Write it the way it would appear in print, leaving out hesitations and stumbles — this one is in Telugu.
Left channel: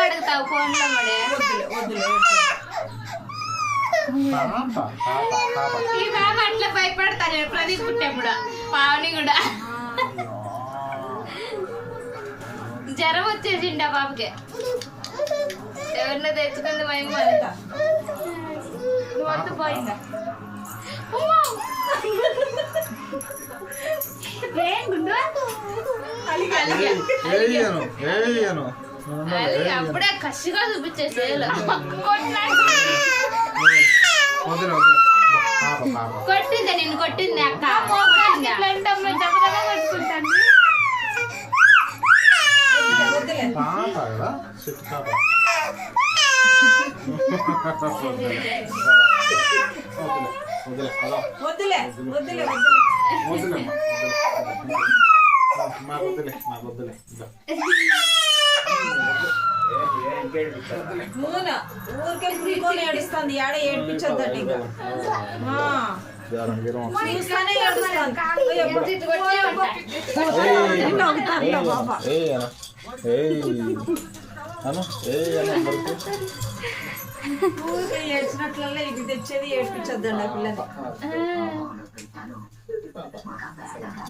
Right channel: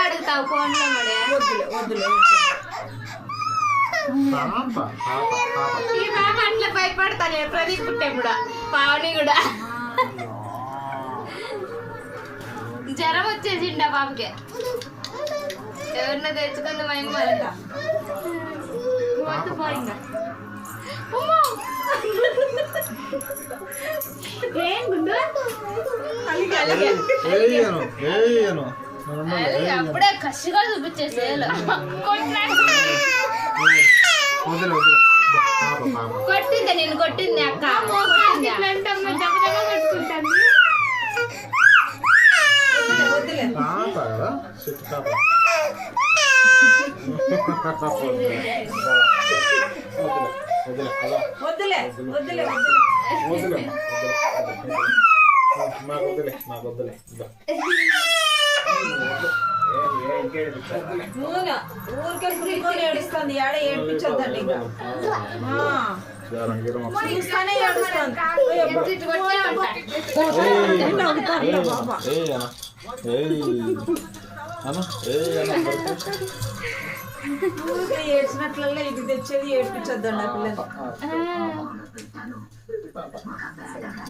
అడుగుతావు ఫోన్ ఈ పాప అట్లా భయపడతాను ప్రదీప్ పుట్టే కూడా పావని కూడా జ్వరం వచ్చేసిండి ఆ పాపకి ఎవరినో తెచ్చుకుంది మేము అప్పుడే కసిగా చూపించేసి కొట్టింది నేను కొట్టింది అక్క ఊరికే ఏడుస్తుంది ఆడ ఏడిపించొద్దండి చూస్తానే ఏడుస్తాను ఊరికే ఏడ్చినట్లల్లో ఇది తెచ్చేది ఏడిపించొద్దండి ఆ పిల్లలు